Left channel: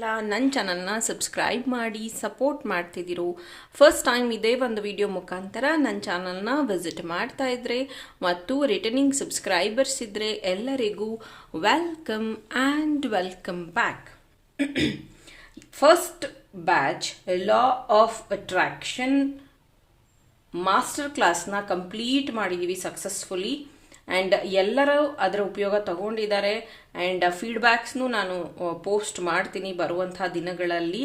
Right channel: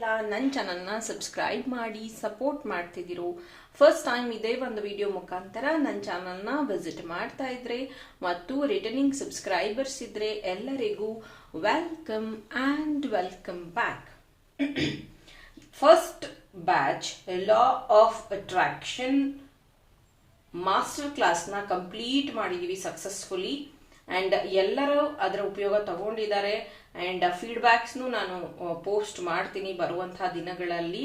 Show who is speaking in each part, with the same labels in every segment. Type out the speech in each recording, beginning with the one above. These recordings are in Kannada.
Speaker 1: ಯಾರೆಲ್ಲ ನನ್ನ ಚಾನಲ್ನ ಸಬ್ಸ್ಕ್ರೈಬ್ ಮಾಡಿ ಸಪೋರ್ಟ್ ಮಾಡ್ತಿದ್ದೀರು ಫಸ್ಟ್ ಟೈಮ್ ಇದೇ ಒಂದು ವಿಡಿಯೋ ಮುಖಾಂತರ ನನ್ನ ಚಾನಲ್ನ ವಿಸಿಟ್ ಮಾಡ್ತಾ ಇದ್ರೆ, ಮತ್ತು ರಿಟರ್ನಿಂಗ್ ಸಬ್ಸ್ಕ್ರೈಬರ್ಸ್ ಇದ್ರೆ ಎಲ್ಲರಿಗೂ welcome and welcome back first batch law of attraction master ಕ್ಲಾಸ್ನ ಕಂಪ್ಲೀಟ್ ಮಾಡಿದ್ದೀವಿ ಸಕ್ಸಸ್ಫುಲಿ ಆ್ಯಂಡ್ ಎಲ್ಲರೂ ಅದರ ಉಪಯೋಗ ತಗೊಂಡಿದ್ದಾರೆ. ಆ್ಯಂಡ್ ಫೀಡ್ಬ್ಯಾಕ್ಸ್ನು ನಾನು ಪೋಸ್ಟ್ ಮಾಡ್ತೀನಿ ಬರುವಂಥ ದಿನಗಳಲ್ಲಿ.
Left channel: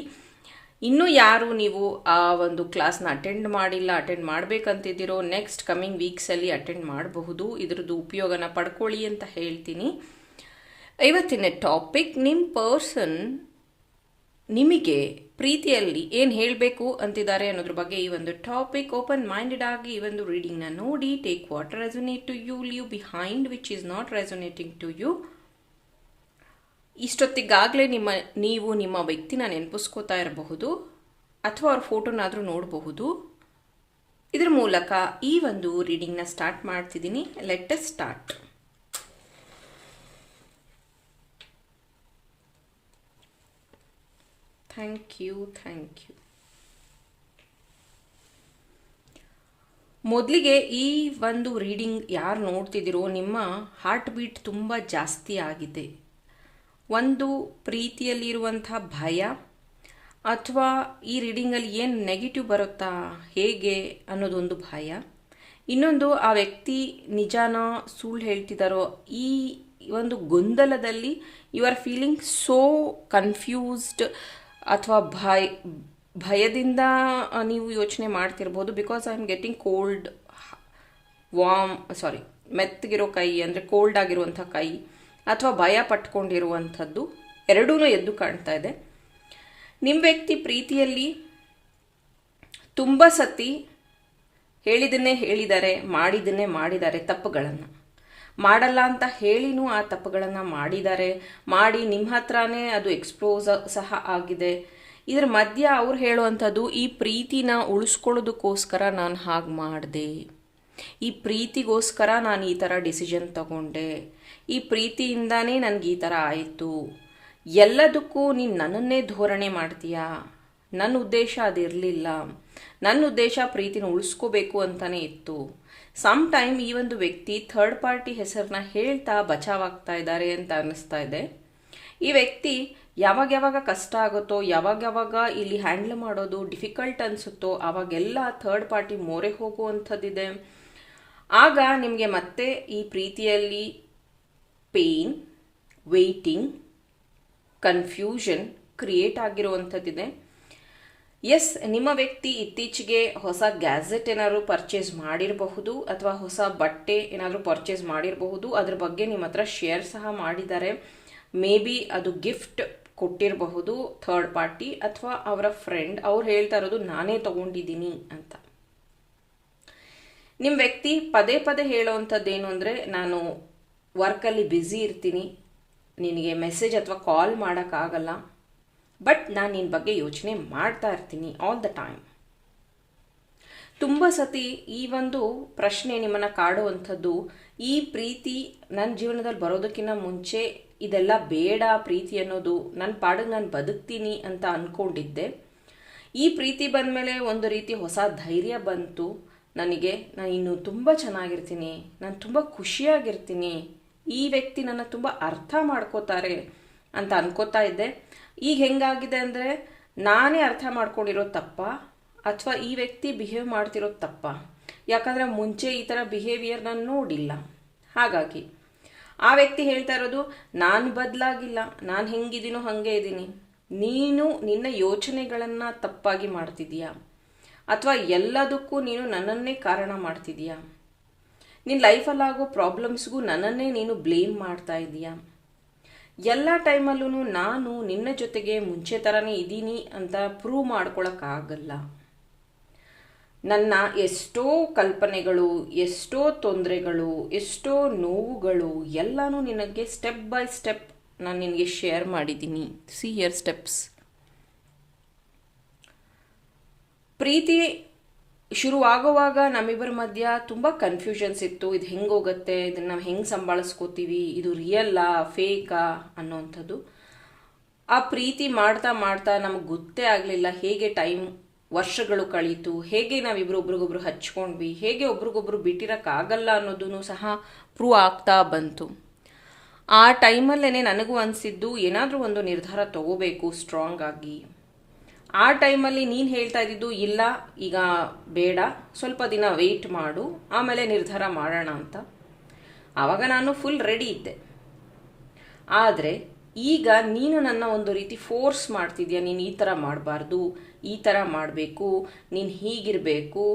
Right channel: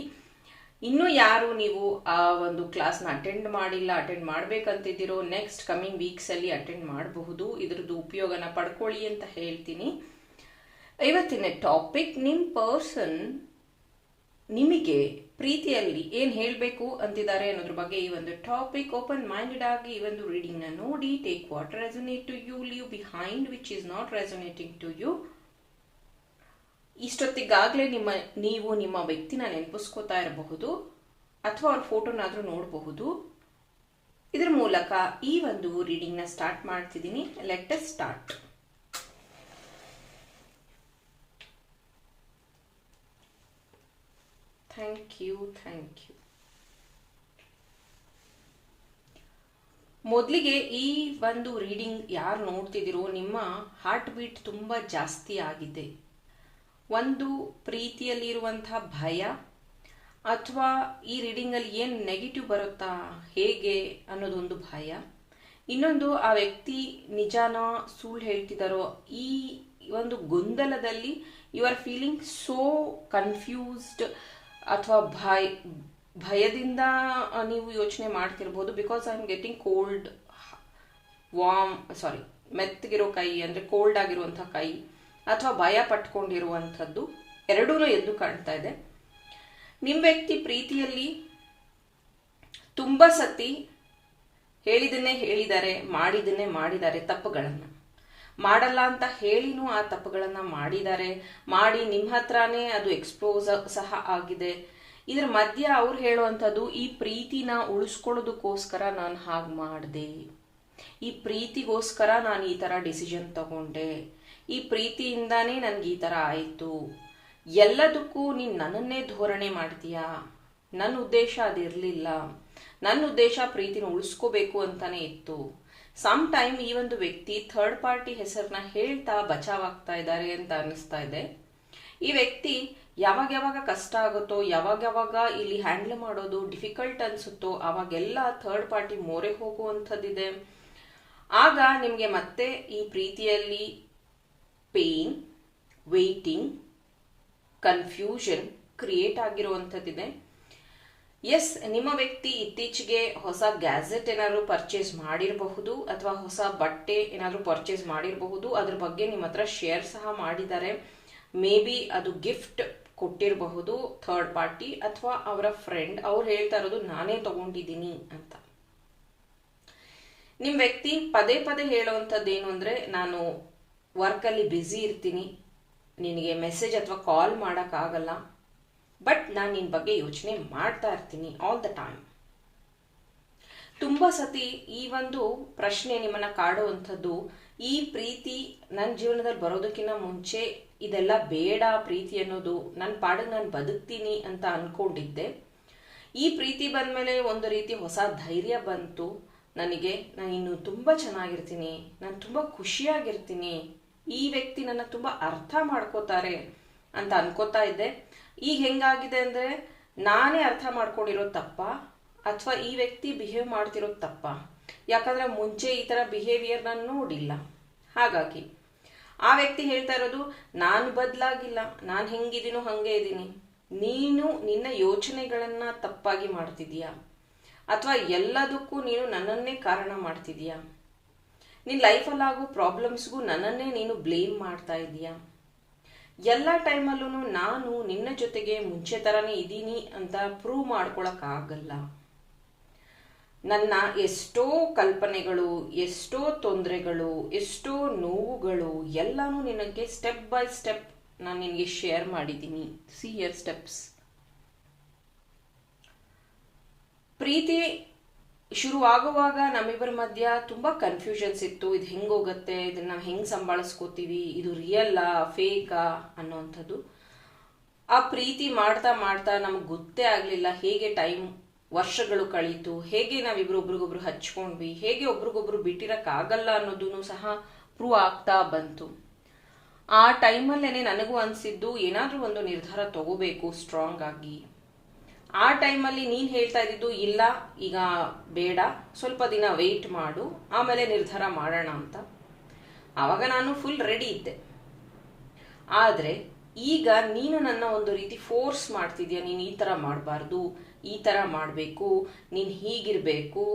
Speaker 1: ಇನ್ನೂ ಯಾರು ನೀವು ಆ ಒಂದು ಕ್ಲಾಸ್ನ ಅಟೆಂಡ್ ಮಾಡಿಲ್ಲ ಅಟೆಂಡ್ ಮಾಡಬೇಕಂತಿದ್ದೀರೋ ನೆಕ್ಸ್ಟ್ ಕಮಿಂಗ್ ವೀಕ್ಸಲ್ಲಿ ಅಟೆಂಡ್ ಮಾಡಬಹುದು. ಇದ್ರದ್ದು ಉಪಯೋಗನ ಪಡ್ಕೊಳ್ಳಿ ಅಂತ ಹೇಳ್ತೀನಿ. ಇವತ್ತಿನ ಟಾಪಿಕ್ ನಿಮ್ಮ ಪರ್ಸನ್ ನಿಮಗೆ ಪ್ರೀತಿಯಲ್ಲಿ ಏನು ಹೇಳಬೇಕು ಅಂತಿದ್ದಾರೆ ಅನ್ನೋದ್ರ ಬಗ್ಗೆ ಈ ಒಂದು ಟಾಪಿಕ್ ಓಪನ್ ಮೈಂಡೆಡ್ ಆಗಿ ಈ ಒಂದು ರೀಡಿಂಗ್ನ ನೋಡಿ take what resonate to you leave behind which is not resonating to you ಇಷ್ಟೊತ್ತಿಗಾಗಲೇ ನಿಮ್ಮ, ನೀವು ನಿಮ್ಮ ವ್ಯಕ್ತಿನ ನೆನಪಿಸ್ಕೋತಾ ಇರಬಹುದು ಅಥವಾ ಅವ್ರ ಫೋಟೋನಾದರೂ ನೋಡಬಹುದು. ಇದರ ಮೂಲಕ ಈ ಒಂದು ರೀಡಿಂಗ್ನ ಸ್ಟಾರ್ಟ್ ಮಾಡ್ತಿದ್ದೀನಿ. Let start thank you thank you ಮೊದಲಿಗೆ ಈ ಒಂದು ರೀಡಿಂಗ್ ಯಾರು ನೋಡ್ತಿದ್ದೀರೋ ನಿಮ್ಮ ಹಾರ್ಟ್ ಬೀಟ್ ತುಂಬ ಜಾಸ್ತಿ ಆಗಿದೆ. ಒಂದು ಪ್ರೀತಿಯಲ್ಲಿರುವಂಥ ಭಯ ಅಥವಾ ಈ ರೀಡಿಂಗಲ್ಲಿ ಏನು ನೆಗೆಟಿವ್ ಬರುತ್ತಾ, ಹೇಗೆ ಅನ್ನೋದೊಂದು ಭಯ. ಇನ್ನೊಂದು ಆ ವ್ಯಕ್ತಿ ನಿಜಾನ ಸುಳ್ಳು ಹೇಳ್ತಿದ್ದಾರೋ ಈ ಒಂದು ಗೊಂದಲದಲ್ಲಿ you are feeling so confused ಅಥವಾ ಭಯ, ಭಯದಿಂದ ನೀವು ಯೋಚನೆ ಮಾಡ್ತಿರ್ಬೋದು because I am getting cold warm sorry ಮೆತ್ತಗಿರೋ ಕೈ, ಅಂದರೆ ಕೋಲ್ಡ್ ಆಗಿರುವಂಥ ಕೈ, ಅಥವಾ ಭಯ ಪಟ್ಕೊಂಡಿರುವಂಥದ್ದು ಎರಡೂ ಎದ್ದು ಕಾಣ್ತಾ ಇದೆ. ನಿಮ್ಮ ವ್ಯಕ್ತಿ ಪ್ರೀತಿಯಲ್ಲಿ ತುಂಬ ಸತಿ ಹೇಳಿದನ್ನೇ ಹೇಳಿದ್ದಾರೆ, ಮಾಡಿದನ್ನೇ ಮಾಡಿದ್ದಾರೆ ತಪ್ಪುಗಳನ್ನು. ಮಾಡಲ್ಲ ಅಂತ ಹೇಳಿನೂ ಆ ತಪ್ಪುಗಳನ್ನು ಮಾಡಿದ್ದಾರೆ. ಮಾಡಿ ನಿಮ್ಮ ಹತ್ರನೇ ಅದು ಎಕ್ಸ್ಪೋಸ್ ಸಹ ಆಗಿದೆ. ಇದ್ರ ಮಧ್ಯ ಅವ್ರು ಹೇಳುವಂಥದ್ದು, ಈ ಪ್ರೀತಿನ ಉಳಿಸ್ಕೊಳ್ಳೋದಕ್ಕೋಸ್ಕರ ನಾನು ಹಾಗೆ ಮಾಡಿದೆ. ಈ ಪ್ರೀತಿಗೋಸ್ಕರ ನಾನು ಈ ಥರ ಡಿಸಿಷನ್ ತಗೊಂಡೆ. ಈ ಪ್ರೀತಿಯಿಂದಾನೇ ನನಗೆ ಈ ಥರ ಆಯಿತು. ಎಲ್ಲದಕ್ಕೂ ನೀನು ನನ್ನನ್ನೇ ಧೋರಣೆ ಮಾಡ್ತೀಯಾ? ನನ್ನ ಉದ್ದೇಶ ಅದಿರಲಿಲ್ಲ. ನನ್ನ ಉದ್ದೇಶ ಪ್ರೀತಿನ ಉಳಿಸ್ಕೋಬೇಕು ಅಂತಲೇ ಇತ್ತು. ಸಮ್ ಟೈಮ್ ಈ ಒಂದು ವ್ಯಕ್ತಿ ಥರ್ಡ್ ಪಾರ್ಟಿ ಹೆಸರನ್ನ ಹೇಳ್ತಾ ಬಚಾವಾಗ್ತಾ ಇದ್ದಾರೆ ಅಂತ ಅನ್ನಿಸ್ತಾ ಇದೆ. ಈ ವ್ಯಕ್ತಿ ಯಾವಾಗ ಯಾವಾಗ ಕಷ್ಟ ಆಗುತ್ತೋ ಯಾವಾಗ ಯಾವಾಗ ಇಲ್ಲಿ ಹ್ಯಾಂಡಲ್ ಮಾಡೋದು ಡಿಫಿಕಲ್ಟ್ ಅನಿಸುತ್ತೋ, ಅವಾಗೆಲ್ಲ ಥರ್ಡ್ ಪಾರ್ಟಿ ಮೋರೆ ಹೋಗುವಂಥದ್ದಿದೆ. ಆಗ ನಿಮಗೆ ಮತ್ತೆ ಈ ಪ್ರೀತಿಯಲ್ಲಿ ಪೇನ್ ವೇಟಿಂಗ್ ಕನ್ಫ್ಯೂಷನ್ ಕ್ರಿಯೇಟ್ ಆಗಿರುವಂಥದ್ದಿದೆ. ಎಸ್ ನಿಮ್ಮ ವ್ಯಕ್ತಿ ಇತ್ತೀಚೆಗೆ ಹೊಸ ಗ್ಯಾಜೆಟ್ ಏನಾದರೂ ಪರ್ಚೇಸ್ ಮಾಡಿರಬಹುದು ಅಥವಾ ಹೊಸ ಬಟ್ಟೆ ಏನಾದರೂ ಪರ್ಚೇಸ್ ಮಾಡಿರಬಹುದು. ಅದ್ರ ಬಗ್ಗೆ ನಿಮ್ಮ ಹತ್ರ ಶೇರ್ ಸಹ ಮಾಡಿದ್ದಾರೆ. ಮೇ ಬಿ ಅದು ಗಿಫ್ಟ್ ಕೊಟ್ಟಿರಬಹುದು ಥರ್ಡ್ ಪಾರ್ಟಿ ಅಥವಾ ಅವರ ಫ್ರೆಂಡ್ ಅವ್ರು ಹೇಳ್ತಾ ಇರೋದು, ನಾನೇ ತಗೊಂಡಿದ್ದೀನಿ ಅಂತ. ನಿಮ್ಮ ವ್ಯಕ್ತಿ ಪದೇ ಪದೇ ಹೇಳೋವಂಥದ್ದು ಏನು ಅಂದರೆ, ನಾನು ವರ್ಕಲ್ಲಿ ಬ್ಯುಸಿ ಇರ್ತೀನಿ. ನಿನಗೆ ಮೆಸೇಜ್ ಅಥವಾ ಕಾಲ್ ಮಾಡೋಕ್ಕಾಗಲ್ಲ. ಬಟ್ ನಾನು ನಿನ್ನ ಬಗ್ಗೆ ಯೋಚನೆ ಮಾಡ್ತಾ ಇರ್ತೀನಿ ಆಲ್ ದ ಟೈಮ್ ತುಂಬ ಸತಿ ಈ ಒಂದು ಪ್ರಶ್ನೆ ನಿಮ್ಮನ್ನು ಕಾಡುವಂಥದ್ದು, ಈ ಪ್ರೀತಿ ನನ್ನ ಜೀವನದಲ್ಲಿ ಬರೋದಕ್ಕಿಂತ ಮುಂಚೆ ಇದೆಲ್ಲ ಬೇಡ ಪ್ರೀತಿ ಅನ್ನೋದು ನನ್ನ ಪಾಡಿಗೆ ನಾನು ಬದುಕ್ತೀನಿ ಅಂತ ಅಂದ್ಕೊಂಡಿದ್ದೆ ಈ ಪ್ರೀತಿ ಬಂದಮೇಲೆ ಒಂದು ರೀತಿ ಹೊಸ ಧೈರ್ಯ ಬಂತು. ನನಗೆ ನಾನು ಇನ್ನು ತುಂಬ ಚೆನ್ನಾಗಿರ್ತೀನಿ, ನಾನು ತುಂಬ ಖುಷಿಯಾಗಿರ್ತೀನಿ, ಈ ವ್ಯಕ್ತಿ ನನ್ನ ತುಂಬ ಅರ್ಥ ಮಾಡ್ಕೋತಾರೆ ಅಂತ ಅನ್ಕೋತಾ ಇದ್ದೆ. ಈಗ ಹೆಂಗಾಗಿದೆ ಅಂದರೆ ನಾನೇ ಅರ್ಥ ಮಾಡ್ಕೊಂಡಿರೋ ತಪ್ಪ ಅಥವಾ ಈ ವ್ಯಕ್ತಿ ಬಿಹೇವ್ ಮಾಡ್ತಿರೋ ತಪ್ಪ. ಯಾಕಂದರೆ ಮುಂಚೆ ಈ ಥರ ಬಿಹೇವಿಯರ್ ನಾನು ನೋಡಿಲ್ಲ. ಹಾಗಾಗಿ ಆ ವ್ಯಕ್ತಿ ಹೇಳ್ತಾ ಇರೋದು, ನಾನು ಬದಲಾಗಿಲ್ಲ, ನಾನು ಹೆಂಗಿದ್ದೀನೋ ಹಾಗೆ ಇದ್ದೀನಿ ನೀನು ನಿನ್ನ ಯೋಚನೆಗಳನ್ನು ತಪ್ಪಾಗಿ ಮಾಡ್ತಿದೀಯಾ? ಅಥವಾ ಎಲ್ಲದಕ್ಕೂ ನೀನು ನನ್ನನ್ನೇ ಕಾರಣ ಮಾಡ್ತಿದೀಯಾ? ನಿನ್ನ ಲೈಫಲ್ಲಾಗೋ ಪ್ರಾಬ್ಲಮ್ಸ್ಗೂ ನನ್ನನ್ನೇ ನೀನು ಬ್ಲೇಮ್ ಮಾಡ್ತಾ ಇದೀಯಾ? ಎಲ್ಲ ಟೈಮಲ್ಲೂ ನಾನು ನಿನ್ನ ಜೊತೆಗೆ ಮುಂಚೆ ಥರನೇ ಇದ್ದೀನಿ ಅಂತ ಪ್ರೂವ್ ಮಾಡ್ಕೊಳಕ್ಕಾಗಲ್ಲ. ನನ್ನ ಎಷ್ಟೋ ಕಲ್ಪನೆಗಳು, ಎಷ್ಟೋ ತೊಂದರೆಗಳು, ಎಷ್ಟೋ ನೋವುಗಳು ಎಲ್ಲನೂ ನಿನಗೆ ಸ್ಟೆಪ್ ಬೈ ಸ್ಟೆಪ್ ನಾನು ನಿನಗೆ ಶೇರ್ ಮಾಡಿದ್ದೀನಿ. ಸಿ ಇಯರ್ ಸ್ಟೆಪ್ಸ್ ಪ್ರೀತಿ ಶುರುವಾಗುವಾಗ ನಮ್ಮಿಬ್ಬರ ಮಧ್ಯ ತುಂಬ ಕನ್ಫ್ಯೂಷನ್ಸ್ ಇತ್ತು. ಇದು ಹೆಂಗೆ ಹೋಗುತ್ತೆ? ಇದನ್ನು ನಾವು ಹೆಂಗೆ ಸಂಭಾಳಿಸ್ಕೋತೀವಿ? ಇದು ರಿಯಲ್ಲಾ ಫೇಕಾ ಅನ್ನೋವಂಥದ್ದು. ಆ ಪ್ರೀತಿ ಮಾಡ್ತಾ ಮಾಡ್ತಾ ನಮ್ಗೆ ಗೊತ್ತೇ ಆಗಲಿಲ್ಲ ಹೇಗೆ ಟೈಮ್ ವರ್ಷಗಳು ಕಳೀತು, ಹೇಗೆ ನಾವಿಬ್ರು ಒಬ್ರಿಗೊಬ್ರು ಹಚ್ಕೊಂಡ್ವಿ, ಹೇಗೆ ಒಬ್ರಿಗೊಬ್ರು ಬಿಟ್ಟಿರೋಕ್ಕಾಗಲ್ಲ ಅನ್ನೋದನ್ನು ಸಹ ಪ್ರೂವ್ ಆಗ್ತಾ ಬಂತು. ಆ ಟೈಮಲ್ಲೇ ನನಗೂ ಅನಿಸಿದ್ದು ಏನಾದರೂ ಒಂದು ನಿರ್ಧಾರ ತಗೋಬೇಕು ಸ್ಟ್ರಾಂಗ್ ಆಗಿ. ಆ ಟೈಮಲ್ಲಿ ನೀನು ಹೇಳ್ತಾ ಇದ್ದಿದ್ದು ಇಲ್ಲ, ಈಗ ಬೇಡ, ಸ್ವಲ್ಪ ದಿನ ವೆಯ್ಟ್ ಮಾಡು, ಆಮೇಲೆ ನಿರ್ಧಾರ ಮಾಡೋಣ ಅಂತ. ಆವಾಗ ನಾನು ಫುಲ್ ರೆಡಿ ಇದ್ದೆ. ಆದರೆ ಈಗ ನೀನು ನನ್ನ ಒಂದು ರೀತಿ ಫೋರ್ಸ್ ಮಾಡ್ತಿದ್ಯಾ, ನೀನು ಈ ಥರ ಮಾಡಬಾರ್ದು, ಈ ಥರ ಮಾಡಬೇಕು, ನೀನು ಹೀಗಿರಬೇಕು,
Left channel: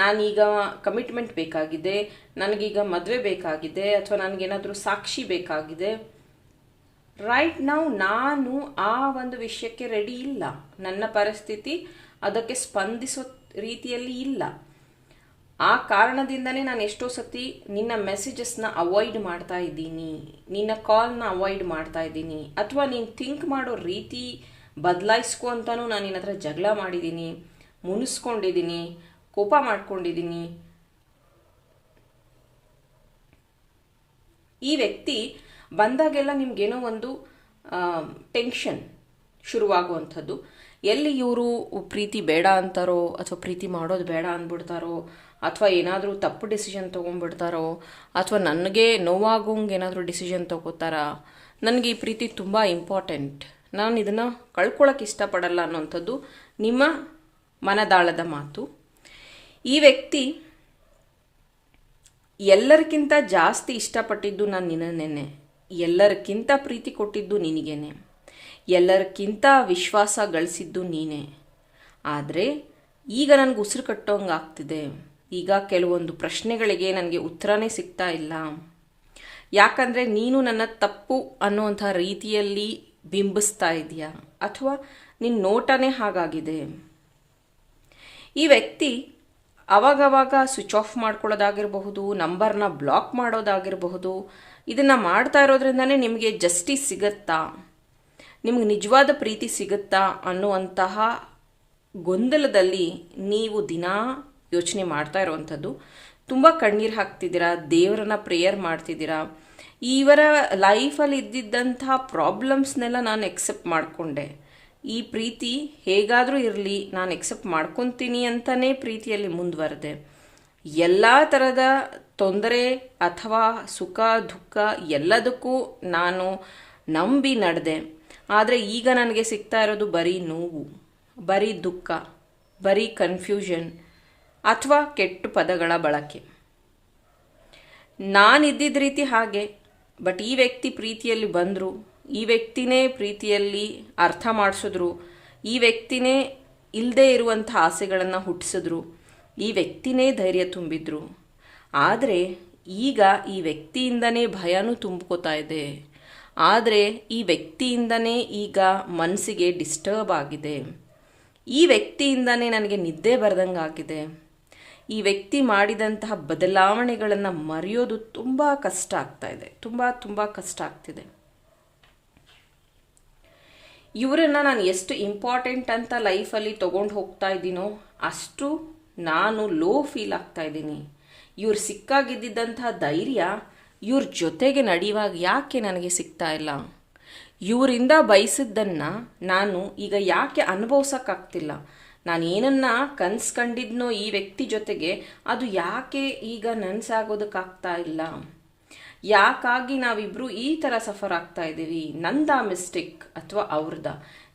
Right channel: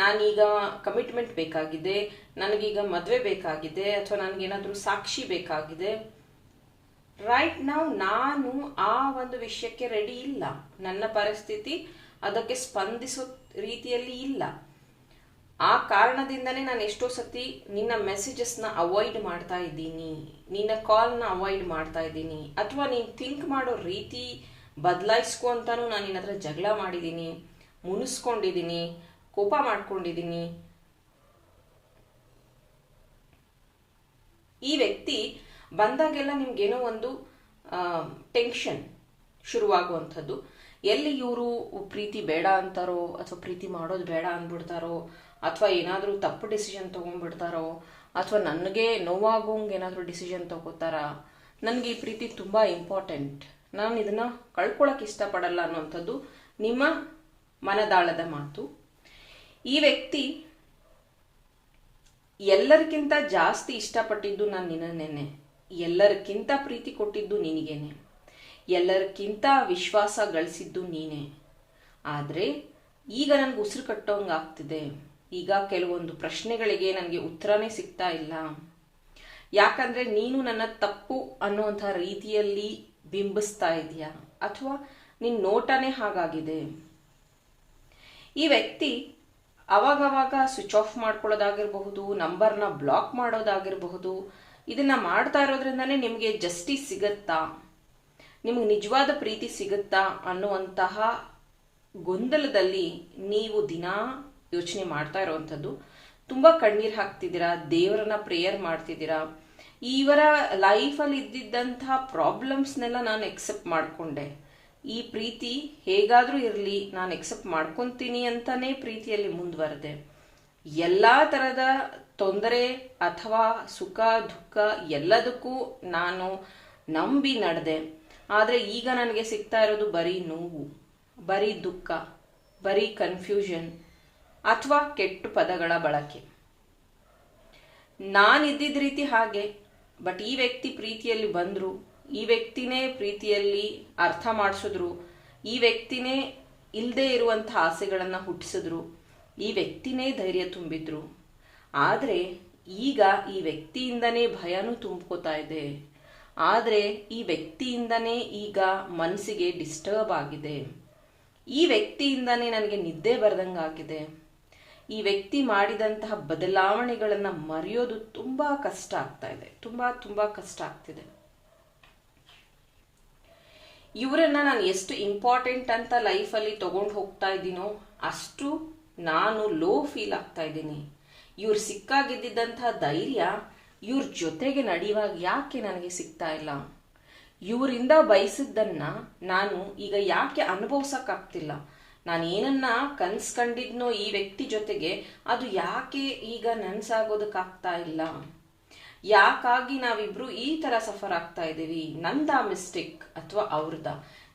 Speaker 1: ನಾನೀಗ ಕಮಿಟ್ಮೆಂಟ್ ಬೇಕಾಗಿದೆ, ನನಗೀಗ ಮದುವೆ ಬೇಕಾಗಿದೆ, ಅಥವಾ ನನಗೇನಾದರೂ ಸಾಕ್ಷಿ ಬೇಕಾಗಿದೆ ರೈಟ್ ನಾವು ನಾನು ಆ ಒಂದು ವಿಷಯಕ್ಕೆ ರೆಡಿ ಇಲ್ಲ. ನನ್ನ ಪರಿಸ್ಥಿತಿ ಅದಕ್ಕೆ ಸ್ಪಂದಿಸೋ ರೀತಿಯಲ್ಲಿ ಇಲ್ಲ. ಆ ಕಾರಣದಿಂದನೇ ನಾನು ಎಷ್ಟೋ ಸತಿ ನಿನ್ನ ಮೆಸೇಜಸ್ನ ಅವಾಯ್ಡ್ ಮಾಡ್ತಾ ಇದ್ದೀನಿ. ನಿನ್ನ ಕಾಲ್ನ ಅವಾಯ್ಡ್ ಮಾಡ್ತಾ ಇದ್ದೀನಿ. ಅಥವಾ ನೀನು ಥಿಂಕ್ ಮಾಡೋ ರೀತಿ ಬದಲಾಯಿಸ್ಕೊ ಅಂತಾನು ನಾನು ನಿನ್ನ ಹತ್ರ ಜಗಳ ಮಾಡಿದ್ದೀನಿ ಮುನಿಸ್ಕೊಂಡಿದ್ದೀನಿ ಕೋಪ ಮಾಡ್ಕೊಂಡಿದ್ದೀನಿ. ಈ ವ್ಯಕ್ತಿ ಬಂದಾಗೆಲ್ಲ ನಿಮ್ಗೇನೋ ಒಂದು ಟೆನ್ಷನ್ ಶುರುವಾಗುವಂಥದ್ದು. ಎಲ್ಲಿ ಇವರು ಪ್ರೀತಿ ಬೇಡ ಅಂತಾರೋ, ಅಥವಾ ಪ್ರೀತಿ ಮಾಡೋದು ಬೇಡ ಅಂದ್ಬಿಡ್ತಾರೋ, ಅಥವಾ ಏನಾದರೂ ತಪ್ಪು ಡಿಸಿಷನ್ ತೊಗೊಂಡ್ಬಿಡ್ತಾರೋ, ಅಥವಾ ನನಗೆ ನೋವಾಗೋಂಗೆ ಏನಾದರೂ ಡಿಸಿಷನ್ ತೊಗೋತಾರಾ, ನನಗೆ ಈ ಪ್ರೀತಿ ತುಂಬ ಇಂಪಾರ್ಟೆಂಟ್ ನಾನು ಇದನ್ನು ಕಳ್ಕೊಳ್ಳೋಕೆ ಇಷ್ಟಪಡಲ್ಲ ಅನ್ನೋಂಥದ್ದು ನಿಮ್ಮ ಮನದಾಳದ ಮಾತು. ಈ ವ್ಯಕ್ತಿ ಎಲ್ಲರಿಗಿಂತ ಜಾಸ್ತಿ ಇಷ್ಟಪಟ್ಟಿದ್ದು ನಾನು ನಿನ್ನನ್ನೇನೆ ಎಲ್ಲರಿಗಿಂತ ಪ್ರೀತಿ ಕೊಟ್ಟಿದ್ದು ನಿನಗೇನೆ. ಎಲ್ಲರಿಗಿಂತ ವಿಶ್ವಾಸ ಗಳಿಸಿದ್ದು ನೀನೇ. ಆದರೆ ಈಗ ನನಗೆ ಉಸಿರು ಕಟ್ಟೋಂಗೆ ಆಗ್ತಿದೆ. ಈಗ ಕೆಲವೊಂದು ಪ್ರಶ್ನೆಗಳಿಗೆ ನನಗೆ ಉತ್ತರನೇ ಸಿಗ್ತಾ ಇಲ್ಲ. ಯಾಕಂದರೆ ನೀನು ನನ್ನ ತಪ್ಪು ಅನ್ನುವಂಥ ರೀತಿಯಲ್ಲಿ ಬಿಂಬಿಸ್ತಾ ಇದೆಯಾ ಅಥವಾ ನಿನ್ನ ನೋಟನೇ ಹಾಗಾಗಿದೆ. ಈ ವ್ಯಕ್ತಿ ಅವಾಗವಾಗ ಸ್ವಿಚ್ ಆಫ್ ಮಾಡ್ಕೊಳ್ಳೋದಾಗಿರಬಹುದು, ನಂಬರ್ನ ಬ್ಲಾಕ್ ಮಾಡೋದಾಗಿರಬಹುದು ಇದನ್ನು ಮಾಡ್ತಾ ಇರೋದ್ರಿಂದನೇ ನಿಮಗೆ ಜಸ್ಟಿಸ್ ಸಿಗತ್ತಾ? ನಿಮ್ಗೆ ನಿಜವಾದ ಪ್ರೀತಿ ಸಿಗುತ್ತಾ ಅನ್ನುವಂತಹ ಗೊಂದಲದಲ್ಲಿ ನೀವು ದಿನಾ ಯೋಚನೆ ಮಾಡ್ತಾ ಇರುವಂಥದ್ದು. ತುಂಬ ಕಣ್ಣೀರು ಹಾಕ್ತಿದ್ದೀರಾ? ದೇವರನ್ನ ಪ್ರೇಯರ್ ಮಾಡ್ತಿದ್ದೀರಾ? ಇವರ ಲೈಫಲ್ಲಿ ಇದ್ದಿದ್ದಂತಹ ಪ್ರಾಬ್ಲಮ್ಸ್ನೆಲ್ಲ ನಾನು ಎಕ್ಸೆಪ್ಟ್ ಮಾಡಿಕೊಂಡೆ. ಈ ಪ್ರೀತಿ ಹೇಗಾದರೂ ಇರಲಿ, ನಾನು ಎಕ್ಸೆಪ್ಟ್ ಮಾಡ್ಕೊತೀನಿ ಅಂತಲೇ ಪ್ರೀತಿಯಲ್ಲಿ ಮುಂದುವರೆದೆ. ಎಲ್ಲ ಥರದ ತೊಂದರೆ ಅಥವಾ ಸುಖ, ದುಃಖ ಎಲ್ಲದಕ್ಕೂ ನಾನು ನಂಬಿ ನಡೆದೆ. ಆದರೆ ಈಗ ನನಗೆ ಸಿಗ್ತಾ ಇರೋದು ಬರೀ ನೋವು, ಬರೀ ದುಃಖ, ಬರೀ ಕನ್ಫ್ಯೂಷನ್ ಅಥವಾ ಕೆಟ್ಟ ಪದಗಳ ಬಳಕೆ. ನಾನಿದ್ದಿದ್ದ ರೀತಿ ಹಾಗೆ, ಬಟ್ ಈ ವ್ಯಕ್ತಿ ಪ್ರೀತಿಯಲ್ಲಿ ಬಂದರು, ಈ ವ್ಯಕ್ತಿನೇ ಪ್ರೀತಿಯಲ್ಲಿ ಅರ್ಥ ಮಾಡಿಸಿದ್ರು, ಈ ವ್ಯಕ್ತಿನೇ ಇಲ್ಲದೆ ಇರುವಂಥ ಆಸೆಗಳನ್ನು ಹುಟ್ಟಿಸಿದ್ರು, ಈ ವ್ಯಕ್ತಿನೇ ಧೈರ್ಯ ತುಂಬಿದ್ರು. ಆದರೆ ಈಗ ಈ ವ್ಯಕ್ತಿಯಿಂದನೇ ಭಯನೂ ತುಂಬ್ಕೋತಾ ಇದೆ. ಆದರೆ ಈ ವ್ಯಕ್ತಿಯಿಂದನೇ ಈಗ ಮನಸ್ಸಿಗೆ ಡಿಸ್ಟರ್ಬ್ ಆಗಿದೆ. ಈ ವ್ಯಕ್ತಿಯಿಂದನೇ ನನಗೆ ನಿದ್ದೆ ಬರ್ದಂಗಾಗಿದೆ. ಈ ವ್ಯಕ್ತಿ ಮಾಡಿದಂತಹ ಬದಲಾವಣೆಗಳನ್ನು ಮರೆಯೋದು ತುಂಬ ಕಷ್ಟ ಆಗ್ತಾ ಇದೆ. ತುಂಬ ತುಂಬ ಕಷ್ಟ ಆಗ್ತಿದೆ. ಇವರನ್ನು ನಾನು ಎಷ್ಟು ಇಂಪಾರ್ಟೆಂಟ್ ಅಂತ ಲೈಫಲ್ಲಿ ತೊಗೊಂಡು ಹೋಗ್ತಾ ಇದ್ದೀನೋ ಅಷ್ಟು ನಾನು ಲೋ ಫೀಲ್ ಆಗ್ತಾ ಇದ್ದೀನಿ. ಇವ್ರು ಸಿಕ್ಕಾಗಿದ್ದಂತಹ ಧೈರ್ಯ ಇವ್ರ ಜೊತೆಗೆ ನಡೆಯುವಾಗ ಯಾಕೆ ನನಗೆ ಸಿಗ್ತಾ ಇಲ್ಲ? ಇವರಿಂದ ಬಯಸಿದ್ದನ್ನು ನಾನು ಈಗ ಯಾಕೆ ಅನುಭವಿಸೋಕ್ಕಾಗ್ತಿಲ್ಲ? ನಾನು ಏನನ್ನ ಕನ್ಸ್ಕೊಂಡಿದ್ನೋ ಈ ವ್ಯಕ್ತಿ ಜೊತೆಗೆ ಅದು ಯಾಕೆ ಈಗ ನನಸಾಗೋದಕ್ಕಾಗ್ತಾ ಇಲ್ಲ? ಯಾಕಾಗಿ ನಾವಿಬ್ರು ಈ ಥರ ಸಫರ್ ಆಗ್ತಾ ಇದ್ದೀವಿ ನಂದ ಮಿಸ್ಟೇಕ್ ಅಥವಾ ಅವ್ರದ?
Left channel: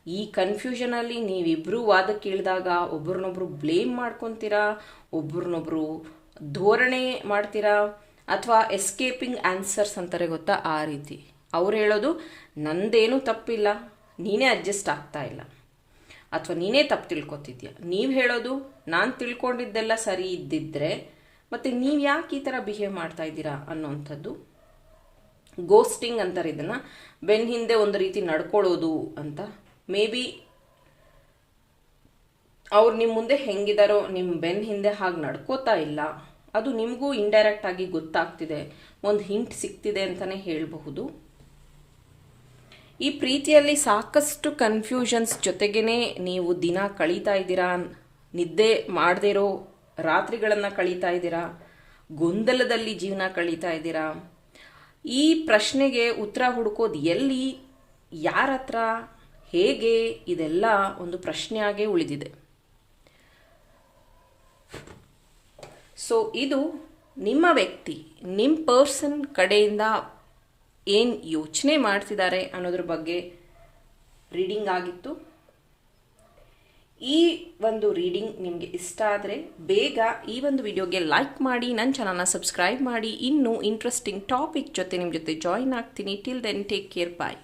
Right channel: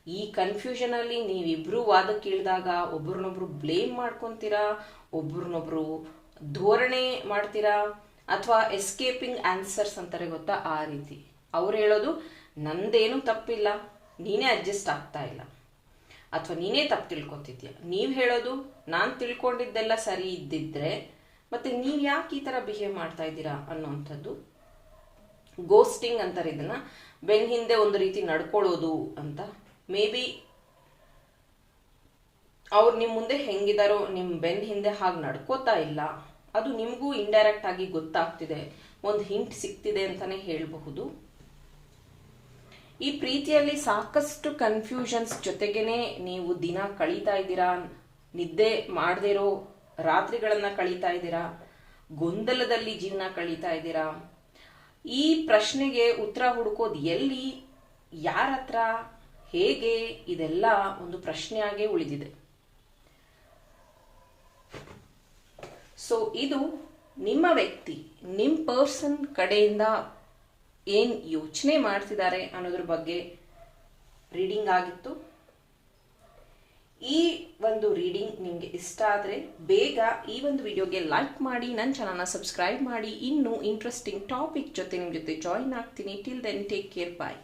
Speaker 1: ಈ ಕನ್ಫ್ಯೂಷನಲ್ಲಿ ನೀವಿಬ್ರು ವಾದಕ್ಕೆ ಇಳಿದಾಗ ಒಬ್ರನ್ನೊಬ್ರು ಬ್ಲೇಮ್ ಮಾಡ್ಕೊತೀರಾ? ಒಬ್ರನ್ನೊಬ್ರು ಧೋರಣೆ ಮಾಡ್ತೀರಾ ಅಥವಾ ಎಸ್ಕೇಪಿಂಗ್ ಆನ್ಸರ್ಸ್ ಅಂತಾರೆ ಗೊತ್ತಾ ಆ ರೀತಿ? ಅವ್ರು ಹೇಳೋದು, ನಂದೇನು ತಪ್ಪಿಲ್ಲ, ನೀನೇ ಅಡ್ಜಸ್ಟ್ ಆಗ್ತಾ ಇಲ್ಲ. ಅಥವಾ, ನೀನೇ ತಪ್ಪು ತಿಳ್ಕೊತಿದ್ಯಾ? ನೀವು ಹೇಳೋದು, ನಾನು ತಿಳ್ಕೊಂಡಿದ್ದೆಲ್ಲ ಸರಿ ಇದ್ದಿದ್ರೆ, ಮತ್ತೆ ನೀವು ಯಾಕೆ ಈ ಥರ ಬಿಹೇವ್ ಮಾಡ್ತಾ ಇದ್ದೀರಾ ಅನ್ನೋವಂಥದ್ದು ಗೋಸ್ಟಿಂಗ್ ಅಂತಾರೆ ಇದನ್ನು. ಬೆನ್ ಹಿಂದೆ ಒಂದು ರೀತಿ ನಡ್ಕೊಳ್ಳೋದು ಅಂತ. ಮೇ ಬಿ ಅವ್ರು ನಿಮ್ಮ ಮುಂದೆ ಹೆಂಗಿದಾರೋ ನಿಮ್ಮ ಬೆನ್ನ ಹಿಂದೆ ಹಾಗೆ ನಡ್ಕೋತಾ ಇಲ್ಲ. ಅದು ನಿಮಗೂ ಇಂಡೈರೆಕ್ಟ್ ಆಗಿ ಗೊತ್ತಾಗ್ತಿದೆ. ಒಂದು ಹಿಂಟ್ ಸಿಗ್ತಿದೆ ಅಂತಲೇ ಹೇಳಬಹುದು. ಈ ಪ್ರೀತಿಯಲ್ಲಿ ಸಾಕಷ್ಟು ಕನ್ಫ್ಯೂಷನ್ಸ್ ಜೊತೆಗೇನೆ ನೀವು ದಿನ ಕಳೀತಾ ಇದ್ದೀರಾ, ನಿದ್ದೆ ಮಾಡದೇ ಇರೋ ರಾತ್ರಿಗಳನ್ನು ಕಳೀತಾ ಇದ್ದೀರಾ, ಗೊಂದಲದಲ್ಲಿ ಜೀವನ ಕಳೀತಾ ಇದ್ದೀರಾ? ಈ ಪ್ರಶ್ನೆಗೆ ಉತ್ತರ ಹುಡುಕೋದು ಎಲ್ಲಿ ಯಾರ ಹತ್ರ ಹೇಗೆ, ಇದೆಲ್ಲ ಒಂದು ಪ್ರಶ್ನೆಯಾಗೇ ಉಳಿದಿದೆ. ಸೊ ಇದು ನಿಮ್ಮ ವ್ಯಕ್ತಿ ನಿಮ್ಮ ಪರ್ಸನ್ ಕಡೆಯಿಂದ ಏನು ಯೋಚನೆ ಮಾಡ್ತಿದ್ದಾರೆ ಅನ್ನೋದ್ರ ಬಗ್ಗೆ ರೀಡಿಂಗ್ ಆಗಿತ್ತು. ಈ ಒಂದು ರೀಡಿಂಗ್ ನಿಮಗೆ ಇಷ್ಟ ಆದರೆ ಬೇಗ ಈ ಒಂದು ವಿಡಿಯೋಗೆ ಲೈಕ್ ಮಾಡಿ ನನ್ನ ಚಾನಲ್ನ ಸಬ್ಸ್ಕ್ರೈಬ್ ಮಾಡಿ. ಇನ್ನೂ ಇಂಟ್ರೆಸ್ಟಿಂಗ್ ಟಾಪಿಕ್ ಜೊತೆ ನಿಮ್ಮ ಜೊತೆ ಜಾಯಿನ್ ಆಗ್ತೀನಿ. Till then take care bye